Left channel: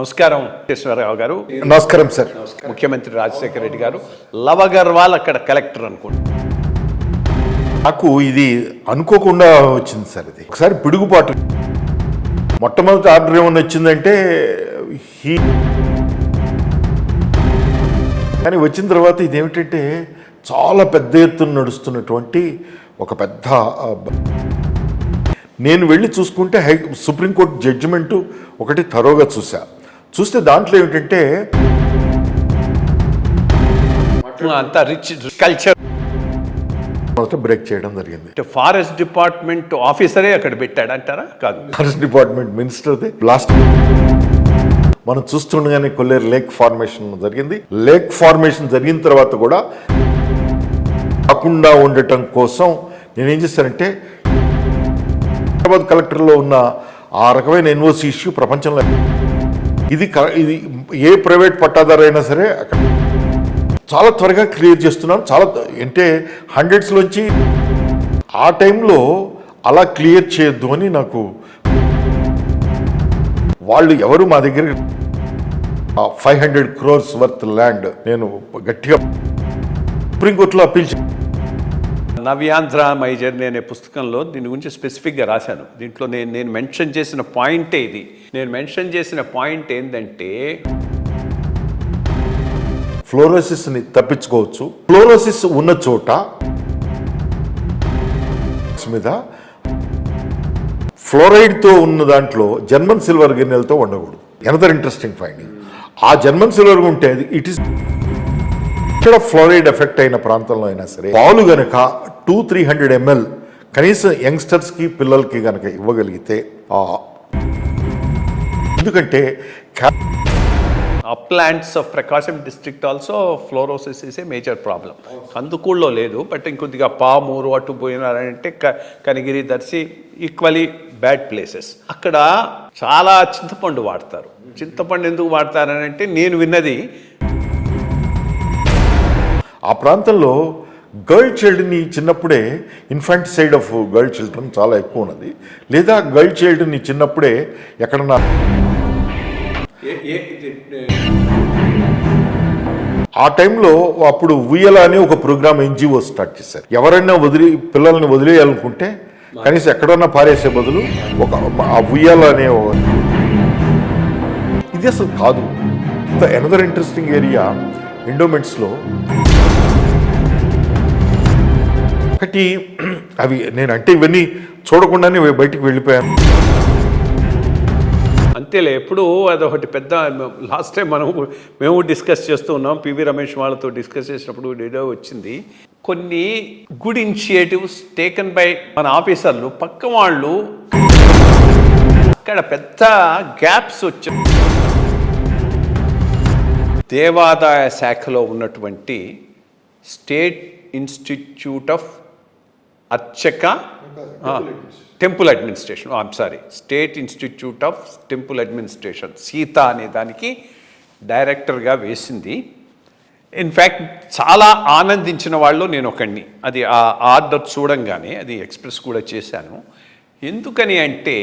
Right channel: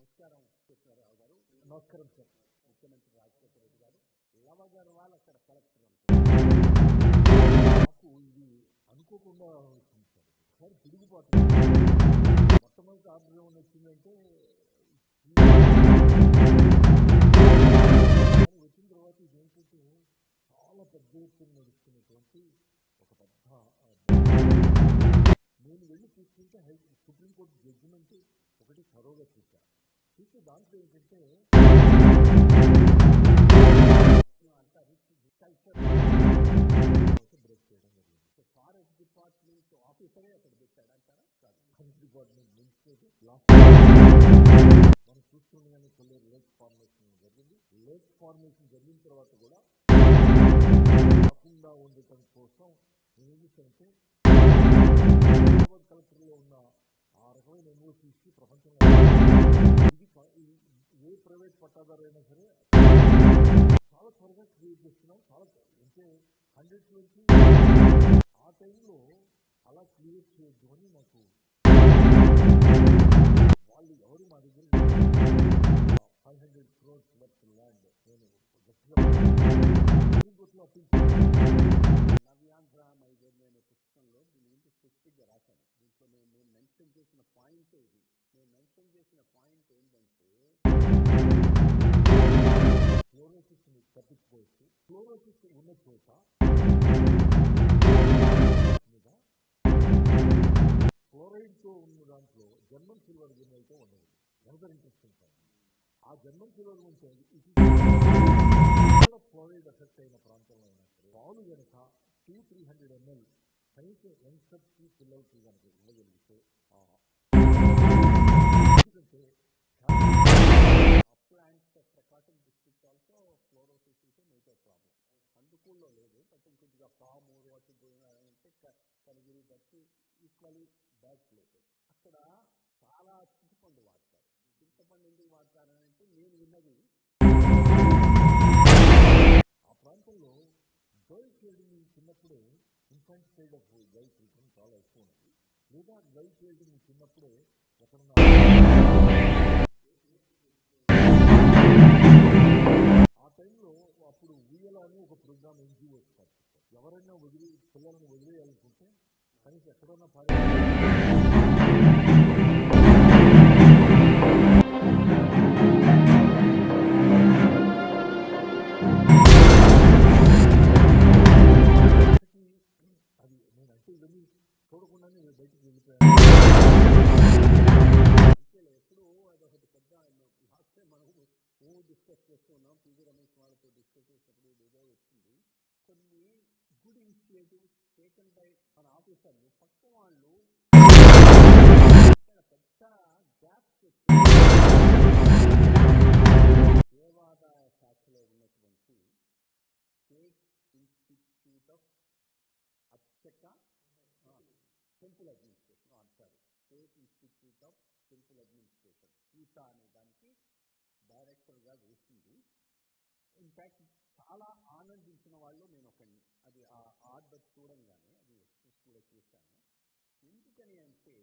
నమస్కారం కేశవరావు గారు. నమస్కారం సార్. ముఖ్యమంత్రి రాజశేఖర రెడ్డి గారు లవ్ అగర్వాల్ అక్కడ కలెక్టర్ అనుకోండి. నాకు ఇది అనుకోకుండా వచ్చింది సార్. ఇది ఒకసారి పిడుగుపాటు. మొట్టమొదటి ఆర్డర్ ఏమన్నా వచ్చిందంటే కానీ వచ్చిన తర్వాత ఇదేమిటంటే చాలా పెద్ద ఎత్తున నడుస్తున్నటువంటి ఒక పెద్ద నేను వెళ్ళి చూసుకుంటే సుప్రీంకోర్టు జడ్జిమెంటు ఒకటి థరోగా చూస్తే దాంట్లో ఏమిటంటే అంత రిచ్ కల్చర్ బ్రేక్ చేయడం జరిగింది. ఫారెస్ట్ డిపార్ట్మెంట్ ఆఫీసరే అక్కడ పెట్టాడు అంటారా? కాదు, ఫారెస్ట్ డిపార్ట్మెంట్ మినిస్టర్ది. లాస్ట్ మనం చూస్తుండగానే కొల్లేరు లేక్ ఫార్మేషన్ జరిగింది. లేక్ ఫార్మేషన్ జరిగిన తర్వాత కూడా కాకుండా ఉండటం కోసం నేనేం చేశానంటే హైదరాబాద్ కలెక్టర్లో ఉన్న ఆ రకమైన ఎన్ఓసి ఇష్యూ ప్రపంచంలో ఇది ఏ ప్రైవేట్ పట్టాదారు అయినా సరే చాలా త్వరగా క్లియర్ చేస్తున్నాను. చాలా అంటే హండ్రెడ్స్లోంచి ఆ టైంలో అలా క్లియర్ చేయొద్దు అని నాకు వాళ్ళు ఎవరు మా దగ్గర 500 crores వర్త్ ల్యాండ్ నేను గట్టిగా సుప్రీంకోర్టులో అప్పీల్ నవ్యాంధ్ర మై జర్నీ అనే పుస్తకంలో దీని గురించి స్పెసిఫిక్గా రాశాను. దీంట్లో నేను మెన్షన్ చేసిన పాయింటే ఇది. నేను మెన్షన్ చేసిన పాయింట్ ఏంటంటే ఫ్లోరోసిస్ని తప్పించుకోవచ్చు. ఫ్లోరోసిస్ ఉన్న చోట మీద ఫ్లోరైడ్తో ఉన్న దాంట్లో జర్మన్ సిల్వర్ గిన్నెలతో ఉండకూడదు. Another interesting finding. ఆ జర్మన్ సిల్వర్ ఉంటే ఇట్ ఈస్ ఇక్కడ ఫ్లోరైడ్ ఎఫెక్ట్ అయిన ప్రాంతంలో అయినా సరే పాలు గనక 200-300 ml కనీసం యంగ్స్టర్స్కి పిల్లలకి గనక ఇవ్వగలిగితే ఎందుకంటే uplands of Prakasam district also fluorosis is a major problem. కందుకూళ్ళలో లేదు, బట్ ఇంకొద్దిగా పామూరు అటు పోయినారంటే Kanigiri, Darsi equally bad places. అక్కడ చాలా చింతపండు వాడతారు. చింతపండు ఎందుకు వాడతారని అంటే నేను విన్నది ఆ ప్రాంతంలో గర్ల్ చైల్డ్ని చిన్నప్పుడే ఇన్ఫాంటిసైడ్ ఆఫ్ గర్ల్ చిల్డ్రన్ చాలా ఎక్కువ ఉన్నది. లేదా గర్ల్ చైల్డ్ని చిన్నప్పుడే ఎక్కడన్నా ఆ టైంలో అప్పుడు ఉయ్యల అని ఒక ప్రోగ్రామ్ ఎన్జిఓ స్టార్ట్ చేశారు. ఎవరైనా పిల్లల్ని వదిలేయాలనుకుంటే కనీసం ఎక్కడన్నా పారేసే బదులు ఆ ఉయ్యల అనే ఇది అసలు కాదు. ఎనదర్ ఇంట్రెస్టింగ్ ఏరియా ఎండోమెంట్స్లో ఒకటి అవి నేనంటే ఇవన్నీ చూడకుండానే బయటికి వెళ్ళిపోయాను. అంతేలే, ఎప్పుడు అదొకటి పెద్ద. లాస్ట్ టైం మేము డిస్కస్ చేస్తూ ఉన్నాం, పివి రమేష్ వాళ్ళతో డిస్కస్ చేసినప్పుడు ఏదో వచ్చింది. కొన్ని గుడ్ ఇనిషియేటివ్స్ టేకన్ బై మన ఆఫీసర్లు, పక్క వాళ్ళు అక్కడ పెద్ద గ్యాప్స్ వచ్చాయి. దేవాదాయ శాఖలో ఉన్నటువంటి state institute of temple administration, state institute of temple administration Sita అనే దానికి డైరెక్టర్గా వేసింది. ఇన్ఫ్యాక్ట్ చాలా ఆనందించిన వాళ్ళు నేను ఒకడిని. అది ఆ ఆర్డర్ చూడంగానే అది ఎక్స్ప్రెస్ కూడా చేశాను. ఎందుకని అంటే